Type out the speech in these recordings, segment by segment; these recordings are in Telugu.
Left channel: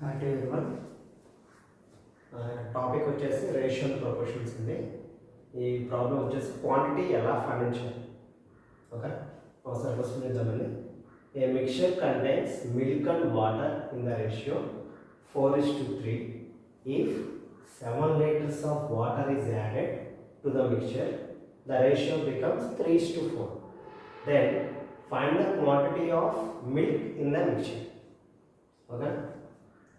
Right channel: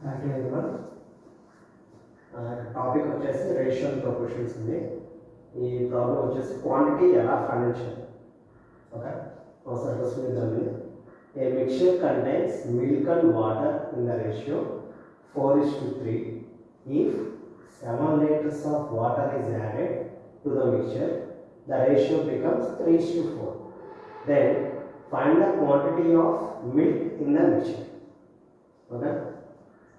Hi everyone. టాపిక్ వచ్చేసి రేషియో అండ్ ప్రొపోర్షన్స్ ఉంది. ఈ ప్రాబ్లం వచ్చేసి క్వాంటిటీ ఎలా ఫైండ్ చేయాలి. ఓకే, ఒకసారి క్వశ్చన్ చూద్దామండి. ఏ mixture contains milk and water in the ratio 4:3. If 7 liters of water is added to the mixture, the ratio becomes 3:4. Then find the quantity of milk in the mixture. Okay,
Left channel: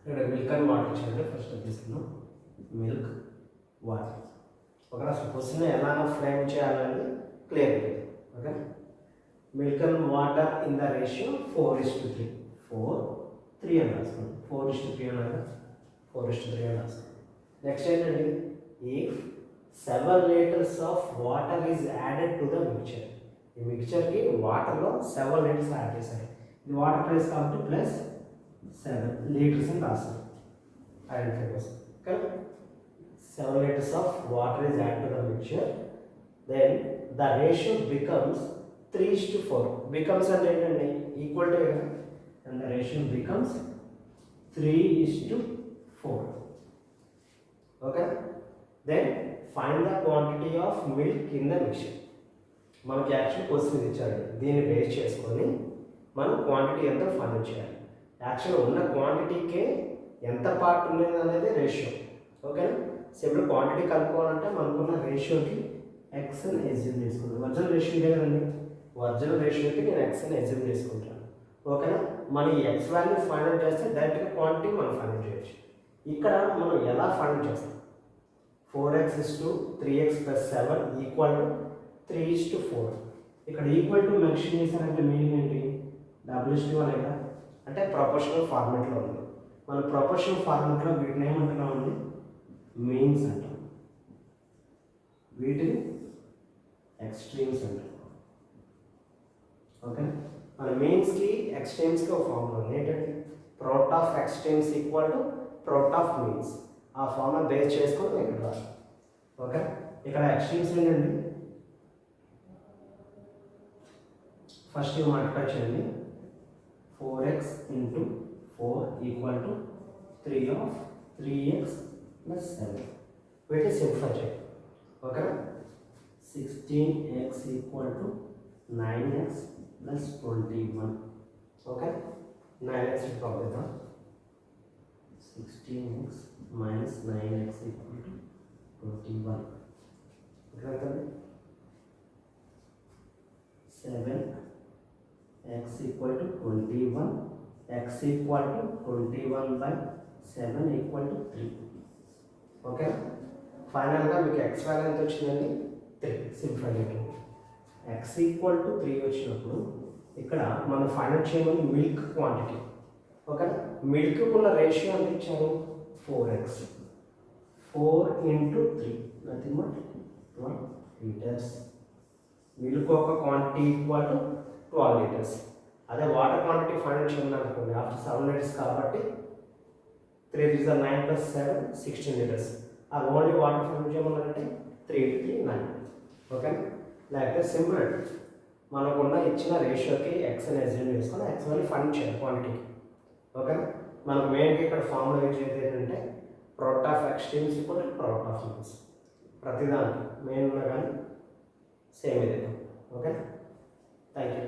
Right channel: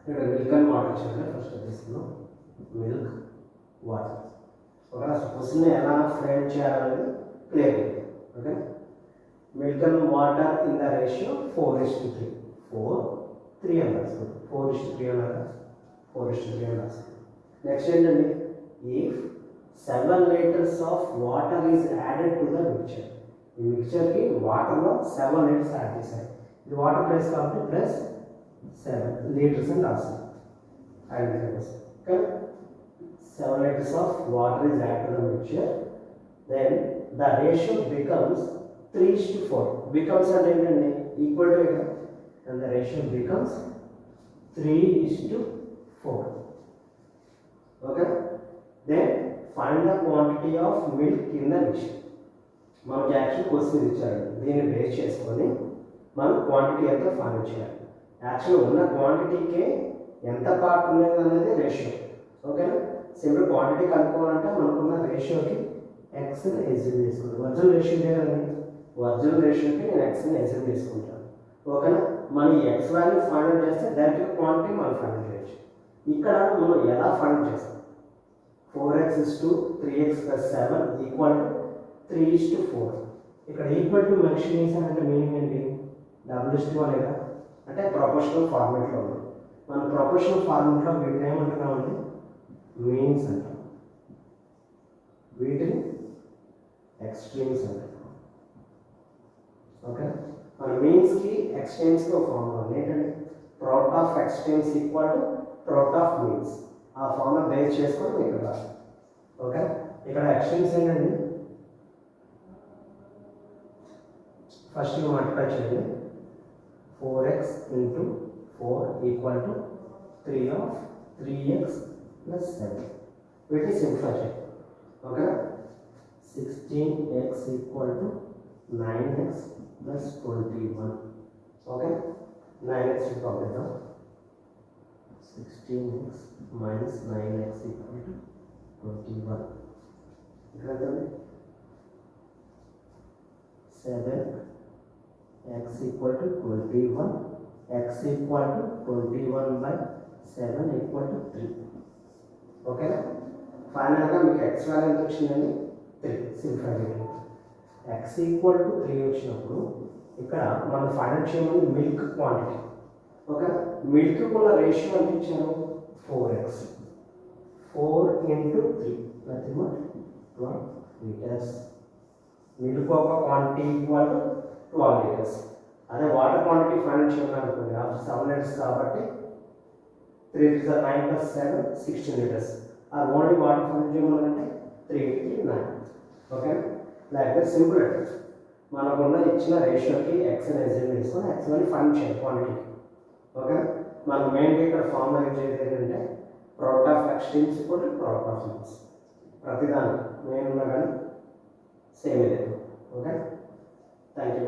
ఇక్కడ మిల్క్ అండ్ వాటర్ ఇచ్చారంటే ఫస్ట్ తీసుకున్నాం మిల్క్ వాటర్. ఒక క్వశ్చన్ ఎలా ఫ్రేమ్ చేయాలనేది క్లియర్ అవుతుంది. Okay, milk and water in the ratio 4:3. 3 అని రాసుకోండి. 4:3 అన్నారు, 4:3 అని రాసుకోండి. నెక్స్ట్ ఏంటండి, if 7 liters of water is added to the mixture. ఈ మిక్చర్కి వాటర్లో 7 liters యాడ్ చేశారు. ఇది వాటర్ ప్లేస్ కాబట్టి ప్లస్ 7 liters అని రాస్తాం. ఐడెంటిఫై కోసం. Okay, 7 liters of water is added to the mixture. Then the ratio becomes 3:4. Becomes అంటే ఏంటండి, equal to, and the ratio becomes 3:4. Okay, then find the quantity of milk in the mixture. మనకి యాక్చువల్ క్వశ్చన్ ఇచ్చాడు, దీన్ని బేస్ చేసుకొని మనం క్వాంటిటీ ఎంత ఫైండ్ చేయాలి. యాక్చువల్ ఉన్న క్వాంటిటీకే ఎంత పార్ట్ ఉన్నది అనేది రేషియో. ఓకేనా, సింపుల్ క్వాంటిటీ కనుక్కోవాలంటే మనకున్న రేషియోకి ఎక్స్ని ఎజ్యూమ్ చేసుకుంటాం. ఒరిజినల్ రేషియో లేదండి, ఒరిజినల్ రేషియోకి నేను ఎక్స్ని ఎజ్యూమ్ చేసుకుంటాను. ఓకేనా, మనం ఈ ఎక్స్ వాల్యూ ఫైండ్ చేస్తే డైరెక్ట్గా క్వాంటిటీ మనం ఫైండ్ చేయొచ్చు. ఇక్కడ మనం ఎలా ఫైండ్ చేస్తాం, 4x = 3x + 7 = 3:4. ఇక్కడ ఈక్వల్ టు మెన్షన్ చేశానంటే మీనింగ్ ఏంటి, W/1 కదా, అంటే ప్రొపోర్షనల్ ఫార్మేట్లో ఉంది. మన ప్రొపోర్షనల్ ఫార్మేట్లో వీటిని ఏమంటున్నామండి, మీన్స్ అంటాం, వీటిని ఎక్స్ట్రీమ్స్ అంటాం. ఓకే, మన మీన్స్కి ఎక్స్ట్రీమ్స్కి ఒక ఫార్ములా ఉంది. ఏంటంటే product of extremes = product of means. ఆ ఫార్ములా బేస్ చేసుకొని ఇక్కడ రాస్తాం. ఓకే, ఇక్కడ ఎక్స్ట్రీమ్స్ ఏంటండి, ఫస్ట్ ఇవి మల్టిప్లై చేయండి. 4x × 4 = 3x + 7. వీటిని సింప్లిఫై చేయండి. Okay, 16x = 9x + 21. Okay, 9x పంపిద్దాం. 16x - 9x = 21. ఇక్కడ 7x = 21. x = 21/7 = 3. ఓకే, ఫైనల్గా మీకు ఎక్స్ వాల్యూ ఎంత వచ్చిందండి, 3. సింప్లిఫై చేయండి. x = 3 వచ్చినప్పుడు ఇక్కడ మనం ఫైండ్ చేయమని మిల్క్ క్వాంటిటీ. ఓకే, మిల్క్ ఉన్న రేషియో ఎంత ఇచ్చారు, 4x. 4 × 3 nothing but 12 liters. Milk ఒక క్వాంటిటీ = 12 liters. అదే వాటర్ క్వాంటిటీ ఫైండ్ చేయమని అనుకోండి, ఆఫ్టర్ 7 liters కాబట్టి 3 × 9 + 7 16 liters. ఆ ఓన్లీ వాటర్ ఫైండ్ చేయమన్నారంటే 3 × 3 9. ఓకే, లేకపోతే సింపుల్ అంటే మనకున్న ఇచ్చిన రేషియోకి ఎక్స్ అని ఎజ్యూమ్ చేసుకొని ఎక్స్ అని ఫైండ్ చేయాలి క్వాంటిటీకి. ఓకే, మనకు మెయిన్గా ఇక్కడ ఫార్ములా యూజ్ చేసేది ఏంటంటే product of extremes = product of means. ప్రతిదానికి మెయిన్ ఉన్నా కానీ సేమ్ ఇదే. Okay, thank you.